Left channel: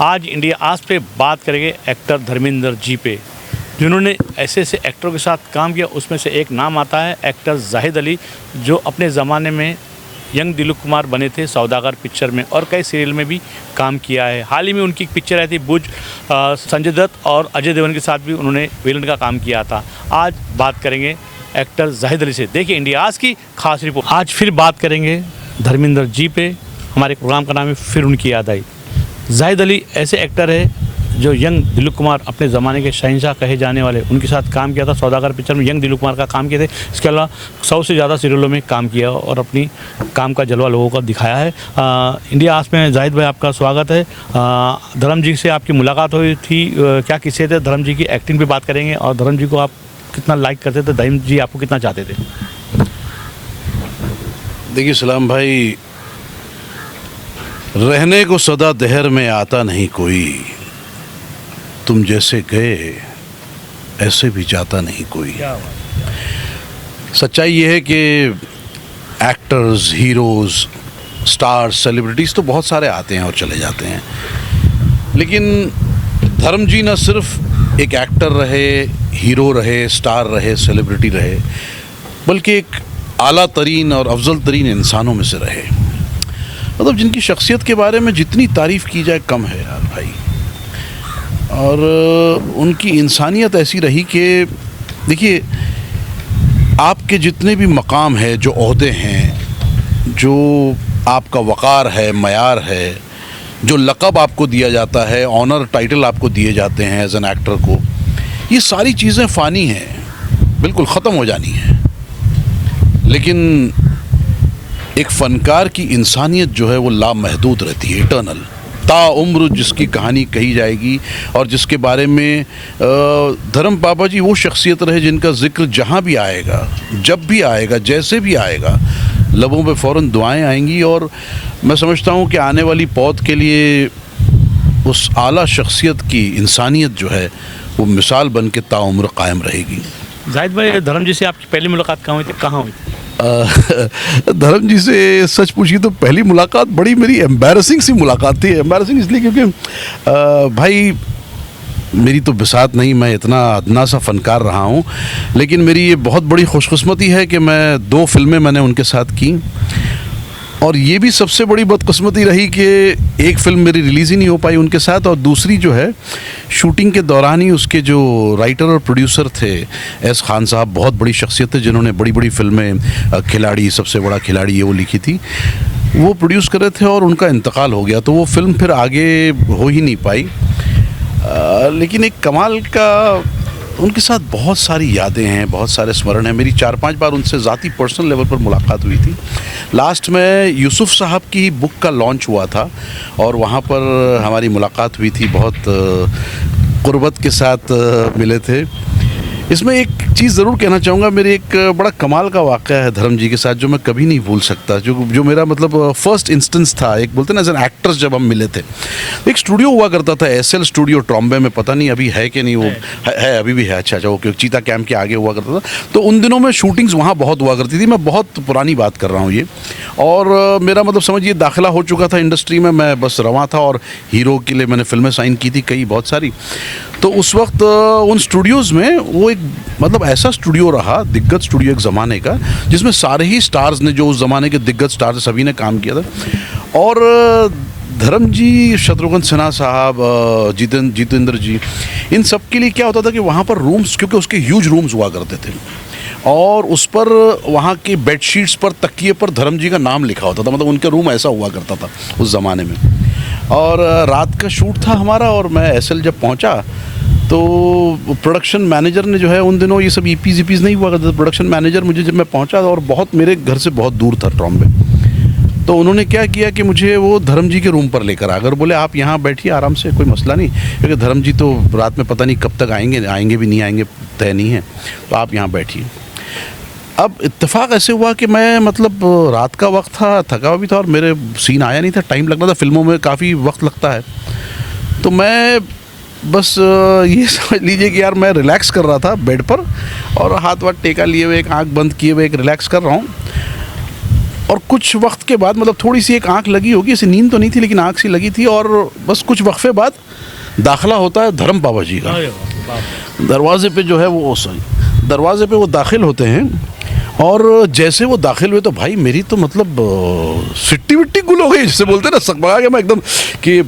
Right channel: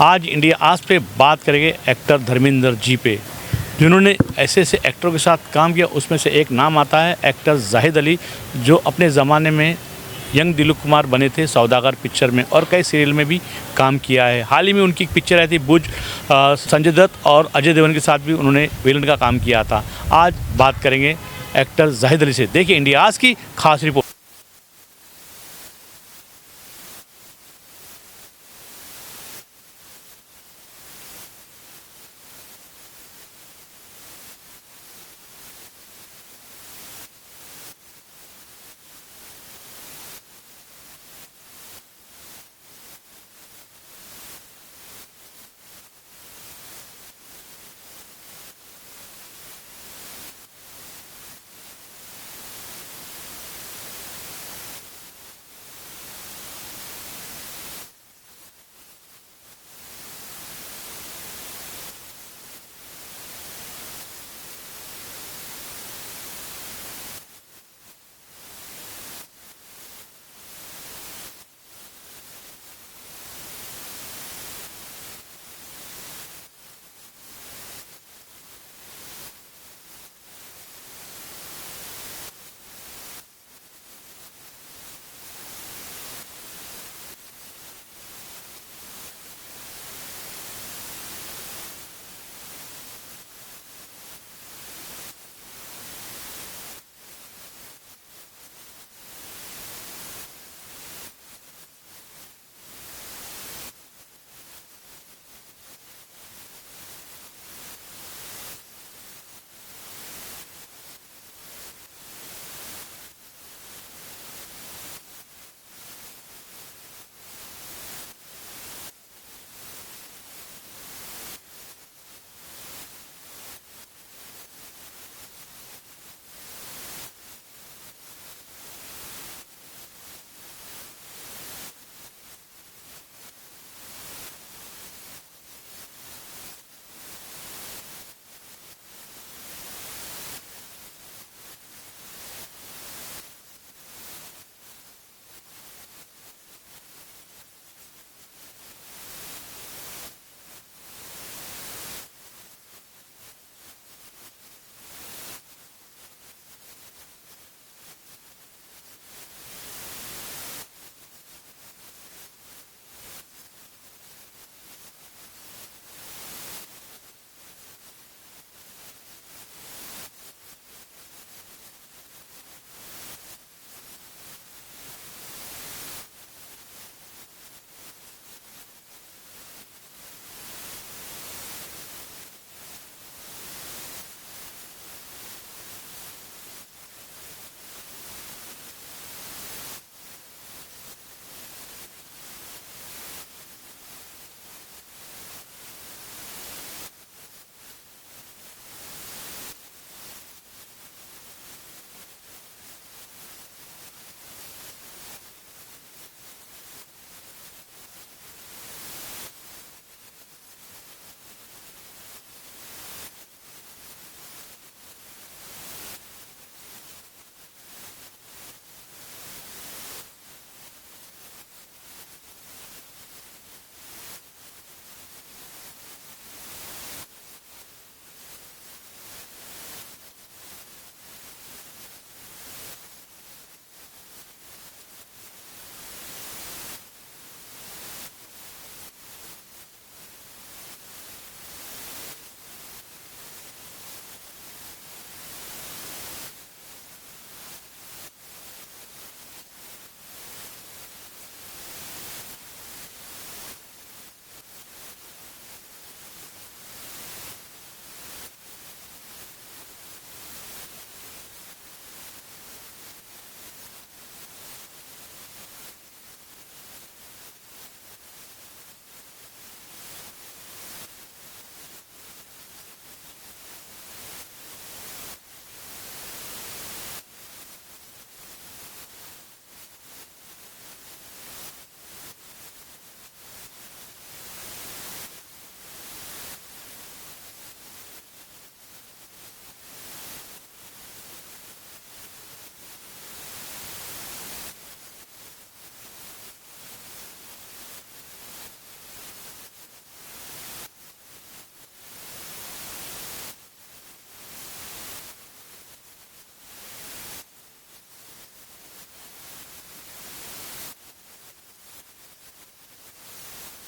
आज इंडिया आज पे बात करेंगे एक्टर धर्मेंद्र जी पे, जिन्होंने ऐसे ऐसे एक्टरों के साथ काम किया। उसमें से एक नाम आता है एक्टर जाहिद अली, जो अपने ज़माने में यंग दिलीप कुमार बने थे सौदागर पिक्चर में, और कई सीरियल में भी काम किया है। हाल ही में उनकी एक पिक्चर आई थी बुज, संजय दत्त और अजय देवगन के साथ भी उन्होंने विलन का काम किया था। आज बात करेंगे एक्टर जाहिद अली से। देखिए इंडिया आज की खास रिपोर्ट। आज फिर बात करेंगे धर्मेंद्र जी पे। हमारे प्रोग्राम का नाम है फिर उनकी याद आई। जाहिद अली ऐसे एक्टर है जो यंग दिलीप कुमार, अपने ज़माने के शहंशाह कहे जाने वाले, उनके साथ काम किया था। सौदागर पिक्चर में यंग दिलीप कुमार का काम किए थे। इसके अलावा 100 से ज़्यादा सीरियलों में काम किया और अपनी काम का जलवा लोगों को दिखाया है। इंडिया आज में जाहिद भाई आपका स्वागत है। धर्म जी से आपकी मुलाकात हुई थी, क्या किस्से थे? धर्म जी की एक्टिंग पे बात करेंगे और धर्म जी को आप कितना लाइक करते थे, धर्म जी आपको कितना चाहते थे? देखिए सलाम भाई, रहने को सदा दहर में आता नहीं कोई, तुम जैसे गए ऐसे भी जाता नहीं कोई। सच्चाई ये है कि एक्टर्स, हीरोज़, स्टार्स, सेलिब्रिटीज़ तो बहुत सारे आते हैं और चले जाते हैं, लेकिन धर्म जी न सिर्फ एक एक्टर रहे, हीरो रहे, स्टार रहे, सेलिब्रिटी रहे, बल्कि एक आला तरीन और अफजल तरीन इंसानों में से रहे। मतलब जिनकी शख्सियत के बारे में जितनी तारीफ़ की जाए कम है यार भाई। और उनकी इंसानियत ऐसी रही कि देखिए, आपके जितने भी मकाम है, जो ओहदे हैं, जो आपका वक़ार है, मयार है, जो लक़ब आपको दिया जाता है, ऑनर टाइटल आपको दिए जाते हैं एज एन एक्टर को, ये सारी चीज़ें फ़ानी हैं, बिल्कुल ख़त्म हो जानी है। लेकिन एक फ़नकार की इंसानियत जो है वो लामहदूद रहती है, इटर्नल, ताउम्र जिसकी कहानी कही जाएगी और जिसके बारे में धर्म पापा जी वो शख्सियत रहे जिनका जिक्र जहाँ भी आएगा, जब भी आएगा, जैसे भी आएगा, लबों पे फ़ौरन दुआएं आएंगी। और मैं समझता हूँ कि आने वाली पौध के लिए उस आला शख्सियत की इंसानियत जो है वो मिसाल बन के ताउम्र कायम रहेगी। जाहिद भाई, धर्म जी से आपकी पहली मुलाकात कहाँ हुई थी, कहाँ हुई थी? धर्म जी से सच पूछिए तो पहली मुलाकात बड़ी मेरी एम्बैरसिंग सी मुलाकात थी। एम्बैरसिंग इसलिए क्योंकि भाई मेरी तो बिसात नहीं, मैं इतना अदना सा फ़नकार रहा हूँ, लेकिन मेरी ये बहुत बड़ी खुशकिस्मती है कि मैं 2 फिल्में मैंने उनके साथ की, और ये भी सबसे बड़ी बदकिस्मती रही कि एक फ़िल्म मेरी रिलीज़ ही नहीं हो पाई उनके साथ, और दूसरी जो है शूटिंग के दौरान ही उसके जो राइटर और प्रोड्यूसर थे एस खान साहब, बहुत बड़ी शख्सियत थे जिन्होंने बड़ी बड़ी फिल्में, खिलाड़ी, सबसे बड़ा खिलाड़ी, ये वो लिखी थी, वो प्रोड्यूस कर रहे थे और उनका इंतकाल हो गया, तो वो फिल्म फिर आगे हो ही नहीं पाई। लेकिन एक कमाल का, उनके साथ बहुत सारी यादें हैं, बहुत सारे स्मरण हैं। मेरी 4-5 बार उनसे ज़ाती पर्सनल लेवल पर मुलाकात हुई थी। लास्ट में यूसुफ साहब की बुक का लॉन्च हुआ था और वहाँ पर हमारी मुलाकात हुई थी, बहुत क़ुर्बत के साथ मिले थे। इसमें एक चीज़ ज़रूर कहना चाहूँगा, मेरे एक बड़ा कमाल का वाक़या है धर्म जी के साथ जो मैं कभी नहीं भूल सकता, जो मेरा मतलब फर्स्ट इंस्टेंस था। एक बोलते ना एज एन एक्टर्स जब हम मिले थे, एक स्टूडियो हुआ करता था एसएल स्टूडियो ट्रॉम्बे में, पता नहीं अभी है कि नहीं, वो है अभी भी है। अच्छा, ओके, चीता कैंप के आगे हुआ करता था। तो उन दिनों में शूटिंग्स वहाँ बहुत हुआ करती थी। मैं बहुत पुरानी बात कर रहा हूँ ये, और मेरा मतलब समझिए दाखिला हो चुका था इंडस्ट्री में, मैं बस रवां था, और हीरो के लिए मैंने फिल्में साइन की थी कई, बहुत सारी। तो उस वक्त उन स्टूडियोज़ में वो एक मतलब ऐसा स्टूडियो रहा, दिग्गज स्टूडियो एक ज़माने का, जिसमें सारे ही स्टार्स ने, जो उस ज़माने के दिग्गज स्टार्स, सभी ने काम किया था। और धर्म जी, शत्रुघ्न सिन्हा साहब, जितेंद्र जी, इन सब के लिए क्या होता था कि वहाँ पर रूम्स, क्योंकि उसके ह्यूज रूम्स हुआ करते थे, और उस पर वहाँ के बेडशीट्स पर, तकिए पर धर्म जी का नाम लिखा होता था। मतलब उनका रूम ऐसा हुआ करता था उस ज़माने में। और रात का शूट था हमारा, और मैं एसएल जब पहुँचा तो प्रोडक्शन मैनेजर ने जो है, उन दिनों ये सब ईपीज़ नहीं हुआ करता था, प्रोडक्शन मैनेजर मुझे, जब मैं पहुँचा, और बहुत मेरे घर से बहुत दूर था ट्रॉम्बे, तो उन्होंने क्या किया कि मुझे वो धर्म जी के रूम पर लेकर आ गए, बोले आप यहाँ बैठिए आराम से, कोई मसला नहीं, क्योंकि धर्म जी तो रात में पता नहीं कब तक आएंगे भी नहीं आएंगे, तय नहीं है, तो आप यहाँ बैठिए। अब इत्तेफाक ऐसे हुआ कि मैं मतलब रात का वक्त था, थका हुआ भी था, और मेरे सीन आया नहीं था, टाइम लगना था, फिल्मों में काफ़ी वक्त लगता है। तो मैं बस ये समझ लीजिए कि यार मैं रिलैक्स कर रहा था बेड पर, और हाथ वाथ टेका लिए हुए, एक आंख बंद किए हुए, एक रिलैक्स कर रहा हूँ। और कुछ वक्त के बाद मतलब थोड़ी सी एक आंख लगी होगी, ऐसी नींद तो नहीं थी लेकिन आंख सी लगी थी, और बस कुछ वक्फे बाद दाखिला होता है धर्म बाबा जी का। दरवाजे पे जो है वो दरवाजे पे वो दाखिल होते हैं, और जैसे वो दाखिल हुए तो भाई मेरी तो मतलब सिट्टी विट्टी गुल हो गई, जिसे बोलते हैं ना, सकबका गया मैं एकदम कि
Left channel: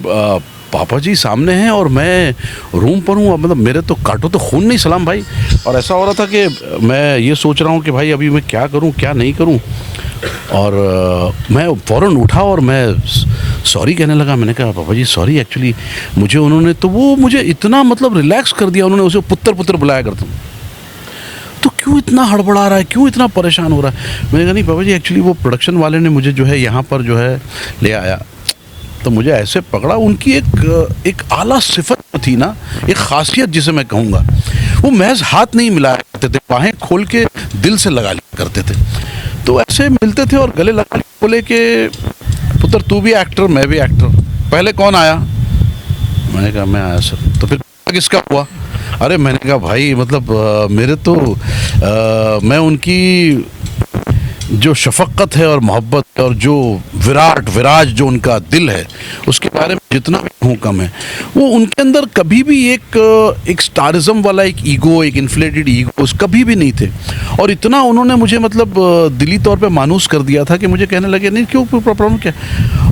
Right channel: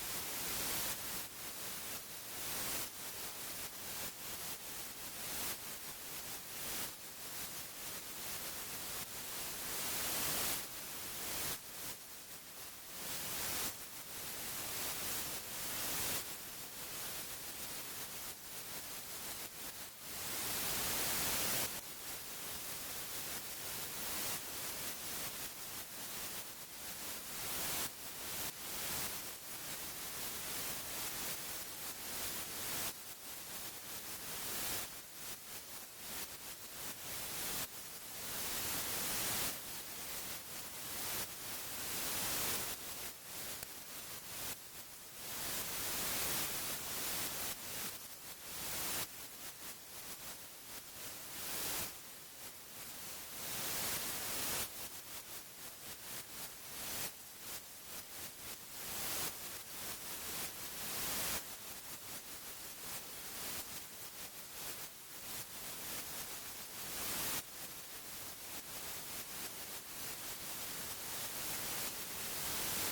पापा जी सामने हैं और मैं रूम पर हूँ। मतलब मेरे तो काटो तो खून नहीं सलाम भाई। और ऐसा हो रहा था कि मैं ये सोच रहा हूँ कि भाई अभी मैं क्या करूँ क्या नहीं करूँ, और मैं फ़ौरन उठा और मैं सॉरी कहने लगा। मैंने कहा पापा जी सॉरी, एक्चुअली मुझे उन्होंने तो वो मुझे इतना मतलब रिलैक्स कर दिया, उन्होंने उसे पुत्र पुत्र बुलाया करता हूँ, तो क्यों इतना हड़बड़ा रहा है, क्यों इतना परेशान हो रहा है। मैंने कहा नहीं पापा जी, एक्चुअली वो प्रोडक्शन वाले ने मुझे जो है यहाँ पर जो है ले आया, तो मुझे ऐसे पकड़ा। उनकी एक आला सिफत थी ना, एक खासियत जिसे मैं कहूँगा, वो महज हाथ नहीं मिलाया करते थे, बाहें खोल के दिल से लगा लिया करते थे। तो ऐसे मिलते थे और गले लगा बोले कि पुत्र तू भी एक्टर मैं भी एक्टर, पहले कौन आया। मैंने कहा मैं आया सर। तो फिर किसका हुआ। अरे मैंने कहा भाई मतलब मेरे तो मैं उनकी जो शफक़त है और मोहब्बत और जो विराज जो उनका दिल है उसके बारे में जितना भी कहूँ कम है। वो उनके अंदर कभी भी एक स्टारिज्म वाला एक ईगो, एक इन्फ्लेटेड ईगो कभी भी नहीं थे। और इतना उन्होंने मुझे मतलब दिली तौर पे मानूस कर दिया था कि मुझे कहने लगे नहीं क्यों प्रॉब्लम क्या।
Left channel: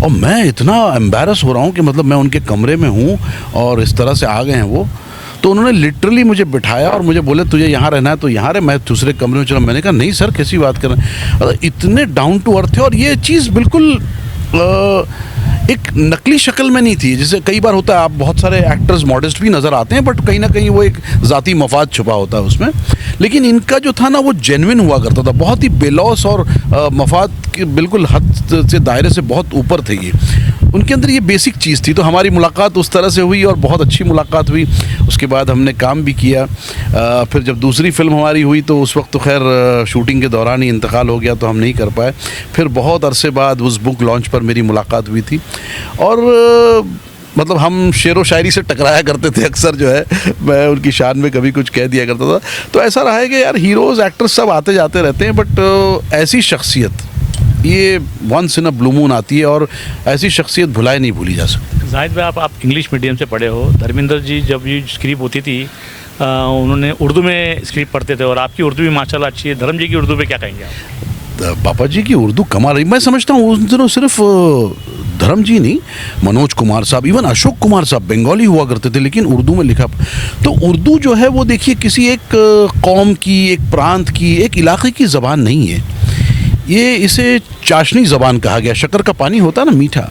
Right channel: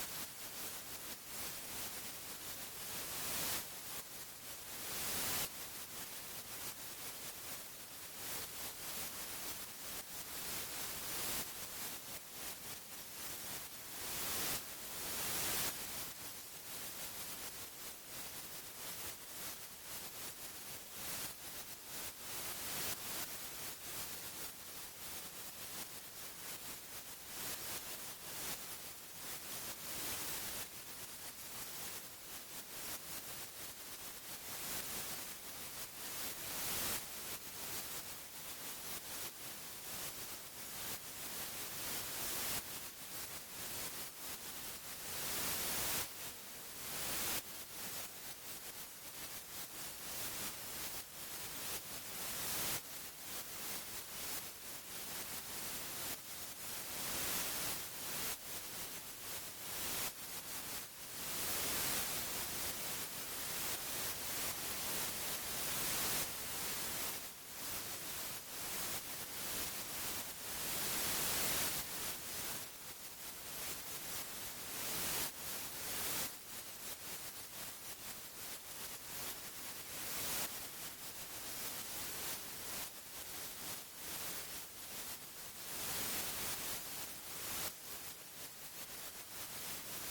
और मैं इतना एम्बैरस हो रहा हूँ कि मतलब मैं उनके कमरे में हूँ और इस तरह से आ गए हैं वो। तो उन्होंने लिटरली मुझे बिठाया और मुझे बोले तुझे यहाँ रहना है तो यहाँ रहे, मैं दूसरे कमरे में चला। मैंने कहा नहीं सर कैसी बात कर रहे हैं। इतने डाउन टू अर्थ थे और ये चीज़ बिल्कुल एक नकली शक्ल में नहीं थी। जैसे कई बार होता है आप बहुत सारे एक्टर्स मॉडेस्ट भी नज़र आते हैं बट कहीं ना कहीं वो एक ज़ाती मफाद छुपा होता है उसमें। लेकिन इनका जो था ना वो जेन्युइन हुआ करता था, बहुत ही बेलौस और मफाद के बिल्कुल हद से दायरे से बहुत ऊपर थे ये। उनके अंदर ये बेसिक चीज़ थी। तो हमारी मुलाकात उस तरह से हुई और बहुत अच्छी मुलाकात हुई। उसके बाद हमने काम भी किया। फिर जब दूसरी फिल्म हमारी हुई तो उस वक्त तो खैर शूटिंग के दौरान ही इंतकाल हो गया तो हम नहीं कर पाए। फिर बहुत अरसे बाद उस बुक लॉन्च पर मेरी मुलाकात हुई थी और मतलब हम शेर व शायरी से टकराया करते थे अक्सर जो है, मैं उनकी शान में कभी कुछ कह दिया करता था। तो ऐसा रहा है कि यार हीरोज़ एक्टर्स सब आते जाते रहते हैं बट ऐसी शख्सियत ये once in a blue moon आती है और ऐसी शख्सियत भुलाए नहीं भूली जा सकती। जाहिद भाई आप इंग्लिश मीडियम से पढ़े हो, धर्मेंद्र जी जब ये स्क्रिप्ट होती थी उन्होंने उर्दू में स्क्रिप्ट पढ़ते थे और आपकी उर्दू भी माशाल्लाह अच्छी है। धर्म जी की उर्दू पे क्या कहेंगे आप? पापा जी की उर्दू कमाल रही। मैं समझता हूँ उन दिनों सिर्फ धर्म जी नहीं, मनोज कुमार साहब, इवन अशोक कुमार साहब बंगाली हुआ करते थे लेकिन उर्दू में लिखा। तो उर्दू जो है वो देखिए किसी एक कौम की, एक प्रांत की, एक इलाके की ज़बान नहीं है। ये इसे चाशनी ज़बान कहा गया। शक्कर का पानी होता है ना मीठा,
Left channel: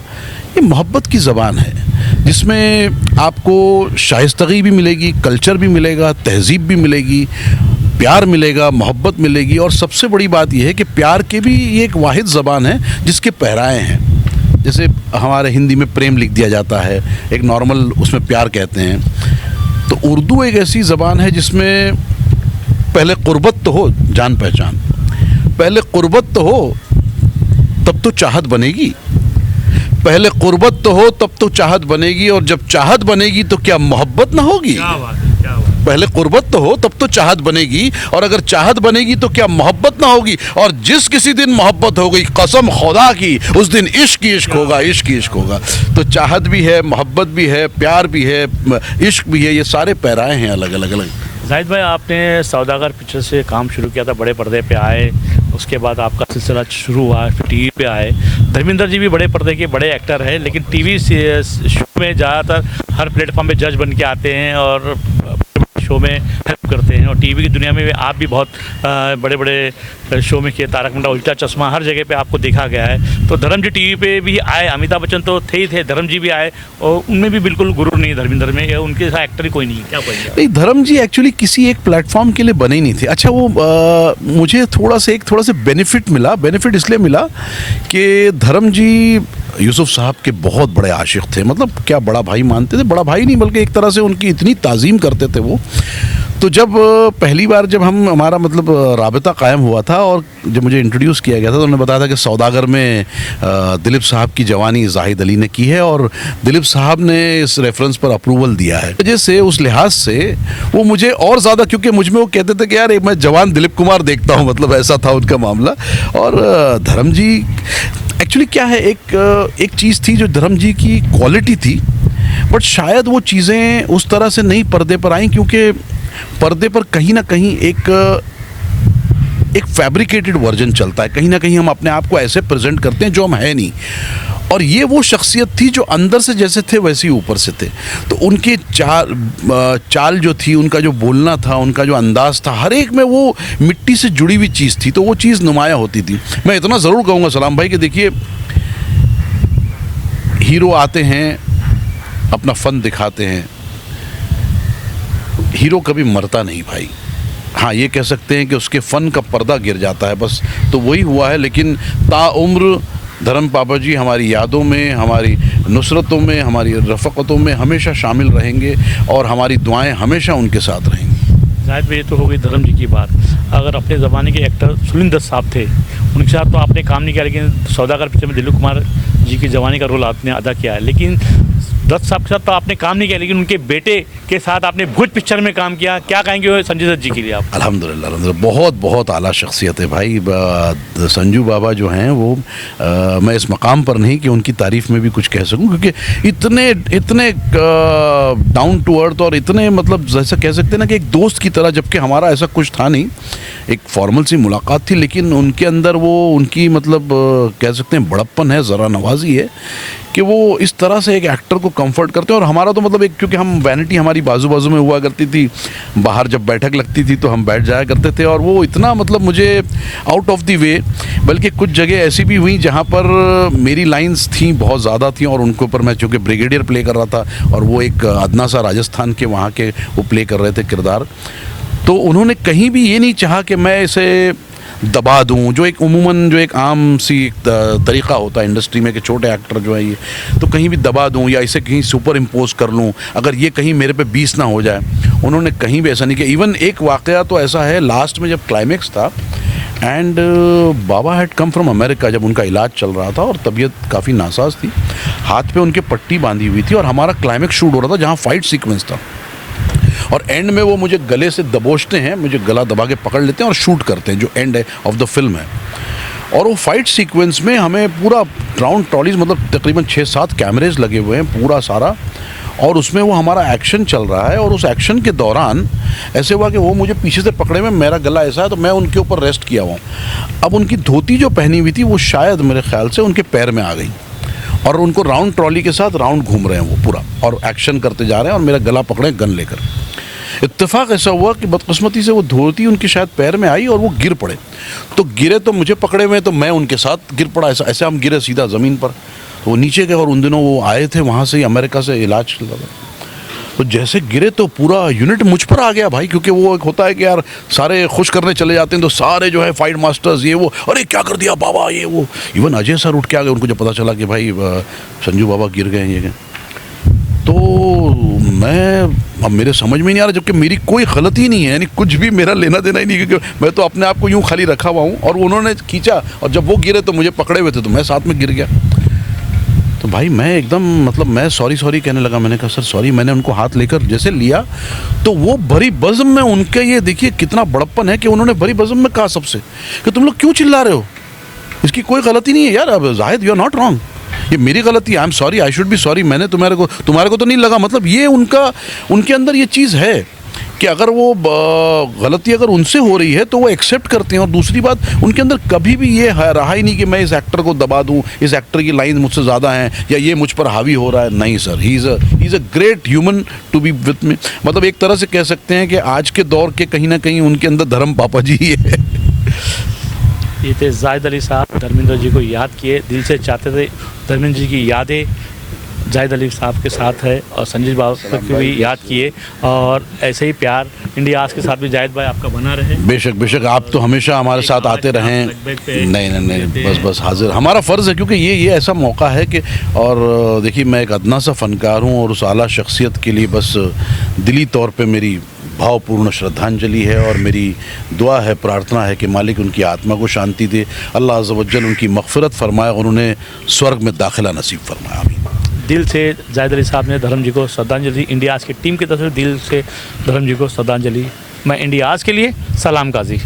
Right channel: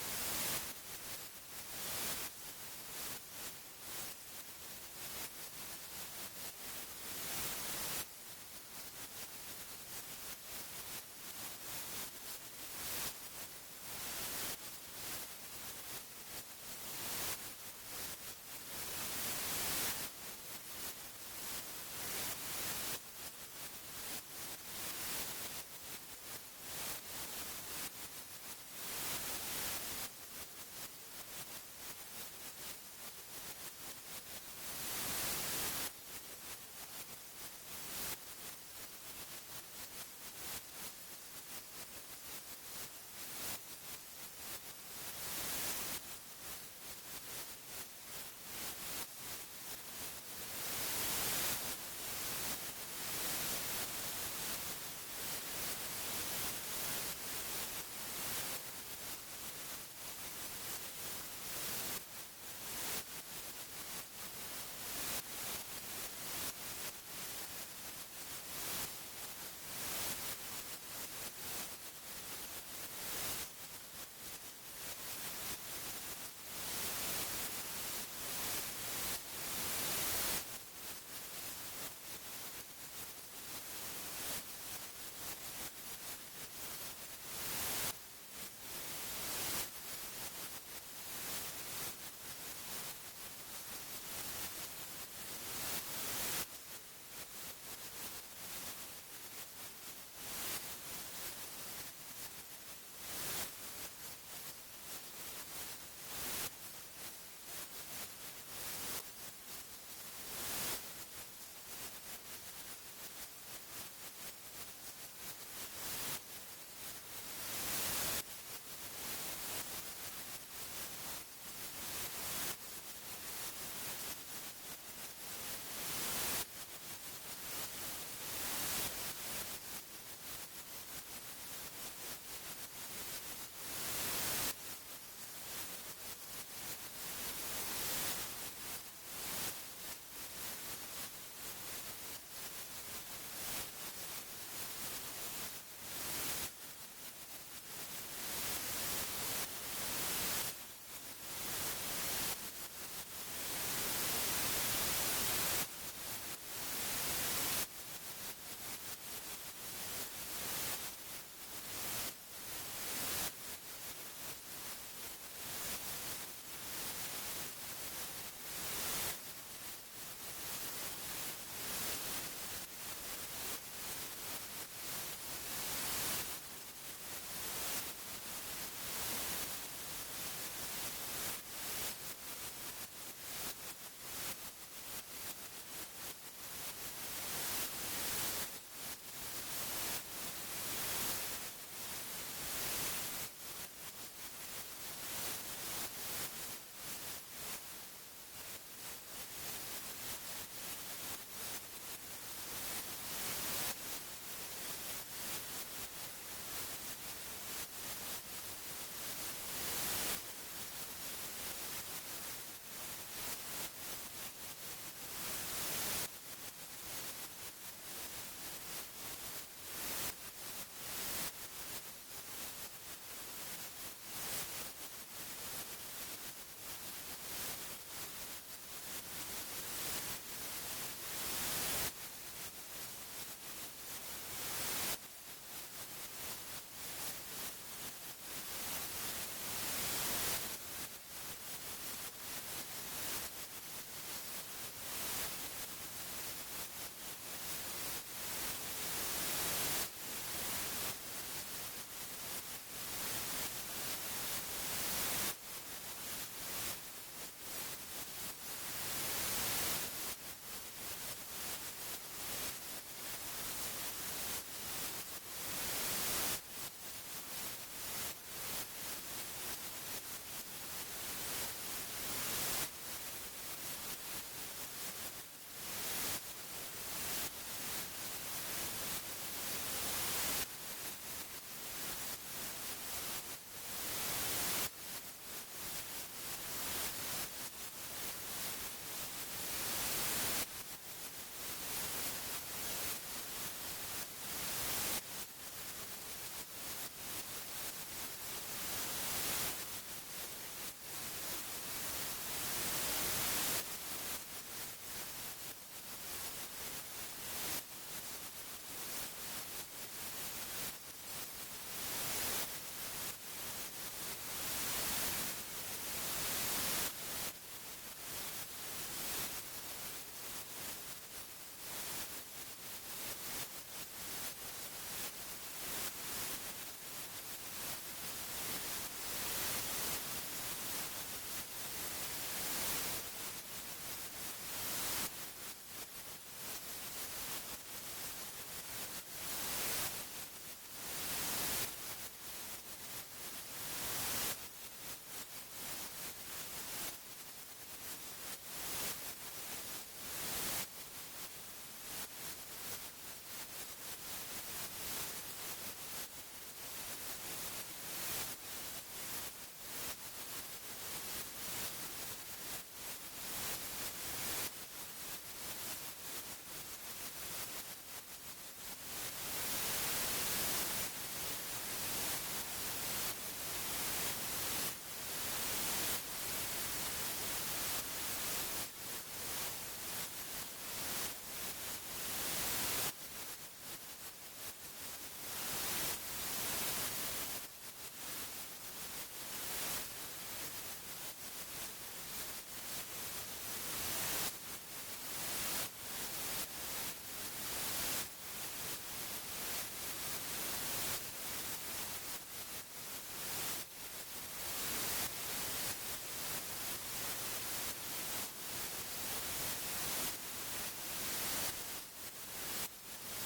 ये मोहब्बत की ज़बान है जिसमें आपको शाइस्तगी भी मिलेगी, कल्चर भी मिलेगा, तहज़ीब भी मिलेगी, प्यार मिलेगा, मोहब्बत मिलेगी। और सबसे बड़ी बात यह है कि प्यार के भी ये एक वाहिद ज़बान है जिसके पहराए हैं। जैसे हमारे हिंदी में प्रेम लिख दिया जाता है, एक नॉर्मल उसमें प्यार कहते हैं। तो उर्दू एक ऐसी ज़बान है जिसमें पहले क़ुर्बत तो हो, जान पहचान, पहले क़ुर्बत तो हो तब तो चाहत बनेगी, पहले क़ुर्बत तो हो तब तो चाहत बनेगी, और जब चाहत बनेगी तो क्या मोहब्बत ना होगी। क्या बात है, क्या बात। पहले क़ुर्बत तो हो तब तो चाहत बनेगी, और अगर चाहत बनेगी तो क्या मोहब्बत ना होगी। और जिस किसी दिन मोहब्बत हो गई कसम खुदा की उस दिन इश्क ही इश्क होगा, इश्क ही इश्क होगा। तो चाहत भी है, मोहब्बत भी है, प्यार भी है, इश्क भी है, ये सारे पैराए हैं अलग अलग अलग। जाहिद भाई आपने सौदागर पिक्चर से काम शुरू किया था, बड़े पर्दे पे आए, उसके बाद आपका सिलसिला शुरू हुआ, फिर टीवी पे आए। धर्मेंद्र जी भी बड़े पर्दे के बड़े एक्टर हैं लेकिन टीवी शो में ज़्यादातर हर प्लेटफॉर्म पे जज बन के आते हैं और शो में हेल्प करते हैं। और टीवी की दुनिया में आप भी बहुत बड़े बड़े शो में किए, तारक मेहता उल्टा चश्मा, हर जगह पे आपको देखा गया है। तो धर्म जी टीवी पे भी आए, अमिताभ बच्चन तो थे ही थे, धर्म जी भी आए और उनमें भी बिल्कुल गुरूर नहीं धर्मेंद्र में, या उनके साथ एक्टर ही कोई नहीं। क्या कहेंगे? नहीं, धर्म जी एक्चुअली किसी एक प्लेटफॉर्म के लिए बने ही नहीं थे। अच्छा वो मुझे थोड़ा सा बेनिफिट मिला। बेनिफिट इसलिए मिला कि धर्म जी यूसुफ साहब के बहुत बड़े आशिक थे। मतलब क्या बड़ा भाई मानते थे, बड़ा भाई नहीं बल्कि एक तरह से उनकी इतनी ताज़ीम करते थे वो। तो जब पहली बार जब हमारा मतलब राबता कायम हुआ था और जब मुझे इंट्रोड्यूस किया गया था तो उन्होंने बताया था कि सौदागर में दिलीप साहब की जवानी जाहिद अली ने की है और दिलीप साहब ने इस रेफरेंस पर अप्रूवल दिया है। वजह से उस लिहाज से वो मुझे और ज़्यादा, क्योंकि मुझ में वो कहते थे कि यार मैं जवान दिलीप कुमार देखता हूँ, मतलब ऐसा था उनका मामला। और धर्म जी एक्चुअली क्या है, एक चीज़ थी जो धर्म जी की क्वालिटी थी, बट शायद वो चीज़ें उस तरह से नहीं पर्दे पर आई, क्योंकि पर्दे पर कहीं ना कहीं एक फैब्रिकेटेड वर्जन चलता है। कहीं ना कहीं हम अपने आप को ऐसे प्रेजेंट करते हैं जो हम है नहीं, और ये वो शख्सियत थी जो अंदर से जैसे थे वैसे ही ऊपर से थे। तो उनके चाल जो थी, उनका जो बोलना था, उनका जो अंदाज़ था, हर एक में वो मिट्टी से जुड़ी हुई चीज़ थी, तो वो चीज़ नुमाया होती थी। मैं इतना ज़रूर कहूँगा सलाम भाई कि देखिए, हीरो आते हैं, अपना फ़न दिखाते हैं, हीरो कभी मरता नहीं भाई। हाँ, ये कह सकते हैं कि उसके फ़न का पर्दा गिर जाता है, बस तो वही हुआ है। लेकिन ताउम्र धर्म पापा जी हमारी यादों में, हमारी नुसरतों में, हमारी रफ़क़तों में हमेशा शामिल रहेंगे और हमारी दुआएं हमेशा उनके साथ रहेंगी। जाहिद भाई, तो हो गई धर्म जी की बात। अगर अपने ज़माने के एक्टर सुनील दत्त साहब थे, उनके साथ तो आपने काम नहीं किया, लेकिन सौदागर पिक्चर में दिलीप कुमार जी की जवानी का रोल आपने अदा किया है। लेकिन दत्त साहब के साथ तो आपने काम नहीं किया, लेकिन उनके बेटे के साथ आपने भूत पिक्चर में काम किया। क्या कहेंगे संजय दत्त जी के लिए आप? अल्हम्दुलिल्लाह बहुत बहुत आला शख्सियत है भाई। संजू बाबा जो हैं वो मैं इस मकाम पर नहीं कि उनकी तारीफ़ में भी कुछ कह सकूं, क्योंकि इतने डाउन टू अर्थ और इतने मतलब जैसा कह सकते हैं ना कि एक दोस्त की तरह, जबकि हमारा ऐसा कुछ था नहीं, एक फॉर्मल सी मुलाकात थी, लेकिन उनके अंदर वो उनकी मतलब कह सकते हैं बड़प्पन है, ज़रा नवाजी है कि वो इस तरह से एक एक्टर को कंफर्ट करते हैं। और हमारा तो मतलब एक, क्योंकि हम वैनिटी हमारी बाजू बाजू में हुआ करती थी, बाहर जब बैठक लगती थी तो हम बैठ जाया करते थे, और वो इतना मतलब मुझे आउट ऑफ द वे, बल्कि कुछ जगह ऐसी भी हुई जहाँ पर मेरी लाइंस थी बहुत ज़्यादा थी और उनके ऊपर मैं चूँकि ब्रिगेडियर प्ले कर रहा था और वो एक अदना सा राजस्थान के वहाँ के वो प्ले कर रहे थे किरदार, तो उन्होंने कहीं भी ये नहीं चाहा कि मैं इसे दबा दूं, जो एक उमूमन जो एक आम सी तरीक़ा होता है इंडस्ट्री में कि छोटे एक्टर जो है ये तो कहीं भी दबा दूं या इसे कहीं सुपर इम्पोज कर लूं, अगर ये कहीं मेरे पे 20 ना हो जाए। उन्होंने कहीं भी ऐसा नहीं किया। इवन एक वाक़या तो ऐसा है, लास्ट में जब क्लाइमेक्स था and Baba had come from America, जब उनका इलाज चल रहा था और तबीयत काफ़ी नासाज थी, हाथ पे उनके पट्टी बांधी हुई थी और हमारा क्लाइमेक्स शूट हो रहा था जहाँ फाइट सीक्वेंस था, और एंड में वो मुझे गले से दबोचते हैं, मुझे गला दबा के पकड़ लेते हैं और शूट करते हैं, जो एंड है ऑफ द फिल्म है। और वो फाइट सीक्वेंस में हमें पूरा राउंड ट्रॉलीज, मतलब तकरीबन 6-7 कैमरेज लगे हुए हैं पूरा सारा, और उसमें वो हमारा एक्शन चल रहा है। और उस एक्शन के दौरान ऐसे हुआ कि वो मुझे पीछे से पकड़े में, मेरा गला ऐसा है तो मैं उनके ऊपर रेस्ट किया हुआ हूँ। अब उनकी धोती जो पहनी हुई थी वो शायद मेरे ख्याल से उनके पैर में आ गई, और उनको राउंड ट्रॉली के साथ राउंड घूम रहे हैं वो पूरा, और एक्शन करते जा रहे हैं और मेरा गला पकड़े गन लेकर। इत्तेफाक ऐसा हुआ कि बदकिस्मती से वो धोती उनकी शायद पैर में आई और वो गिर पड़े। तो गिरे तो मुझे पकड़े हुए, तो मैं उनके साथ गिर पड़ा, ऐसे हम गिरे सीधा ज़मीन पर। वो नीचे गए और उन दिनों वो आए थे वहाँ से, अमेरिका से इलाज चल रहा था। तो जैसे गिरे तो पूरा यूनिट मुझ पर आ गया भाई, क्योंकि वो एक होता है कि यार सारे खुश करने चले जाते हैं तो सारे जो है फाइट मास्टर्स ये वो, अरे क्या कर दिया बाबा ये वो। इवन अजय सर उठ के आ गए, उनको जब पता चला कि भाई संजू बाबा गिर गए ये, तो अब मेरे समझ में नहीं आ रहा, जबकि मेरी कोई गलती नहीं है, यानी कुछ भी मेरा लेना देना ही नहीं, क्योंकि मैं तो अपने आप को यूँ खाली रखा हुआ हूँ। और उन्होंने खींचा और जब वो गिरे तो मुझे पकड़े हुए थे तो मैं साथ में गिर गया। तो भाई मैं एकदम मतलब मैं सॉरी कहने लगा। मैंने कहा सर सॉरी। मैंने उनको हाथ लेकर जैसे लिया तो वो भरी बज़्म में उनके, ये देखिए कितना बड़प्पन है कि उन्होंने भरी बज़्म में कहा सबसे कि तुम लोग क्यों चिल्ला रहे हो, इसकी कोई गलती नहीं है यार। अब Zahid you are not wrong, ये मेरी गलती, I am sorry, I should be sorry. मैंने तुम्हारे को तो नहीं लगा। मतलब ये उनके अंदर ये चीज़ है कि अगर वो गलती अगर उनसे हो रही है तो वो एक्सेप्ट करते हैं। और दूसरी बात, उनके अंदर कभी भी ये रहा ही नहीं कि मैं इस एक्टर को दबा दूं, इस एक्टर की लाइन मुझसे ज़्यादा हैं या ये मुझ पर हावी हो रहा है। नहीं sir, he is a great human to be with me. मतलब एक तरह से कह सकते हैं कि आज के दौर के कहीं ना कहीं उनके अंदर धर्म पापा जी ही है। ये थे जाहिद अली साहब, धर्मेंद्र जी को याद किए, दिल से चाहते थे धर्मेंद्र जी की यादें जाहिद अली साहब के साथ है, और संजीव बाबू को भी याद किए। और ऐसे ही प्यार इंडिया आज के साथ भी जाहिद भाई आपका बना रहे। बेशक आप तो हमेशा हमारे साथ आते रहें। नहीं बस हाजिर, हमारा फ़र्ज़ है, क्योंकि ये ऐसा मौका है कि, और देखिए मैं एक अदना सा फ़नकार हूँ और उस आला शख्सियत के लिए बस दिली तौर पे मेरी भावपूर्ण श्रद्धांजलि है और मेरी दुआ है, प्रार्थना है कि मालिक उनकी आत्मा को शांति दे, अल्लाह अज़्ज़ वजल उनकी मग़फ़िरत फ़रमाए और उन्हें स्वर्ग में दाखिला नसीब फ़रमाए। आमीन। दिल से जाहिद अली साहब ने धर्म जी को श्रद्धांजलि, इंडिया आज की टीम की तरफ से दिल से धर्म जी को श्रद्धांजलि। मैं इंडिया आज के लिए सलाम काजी।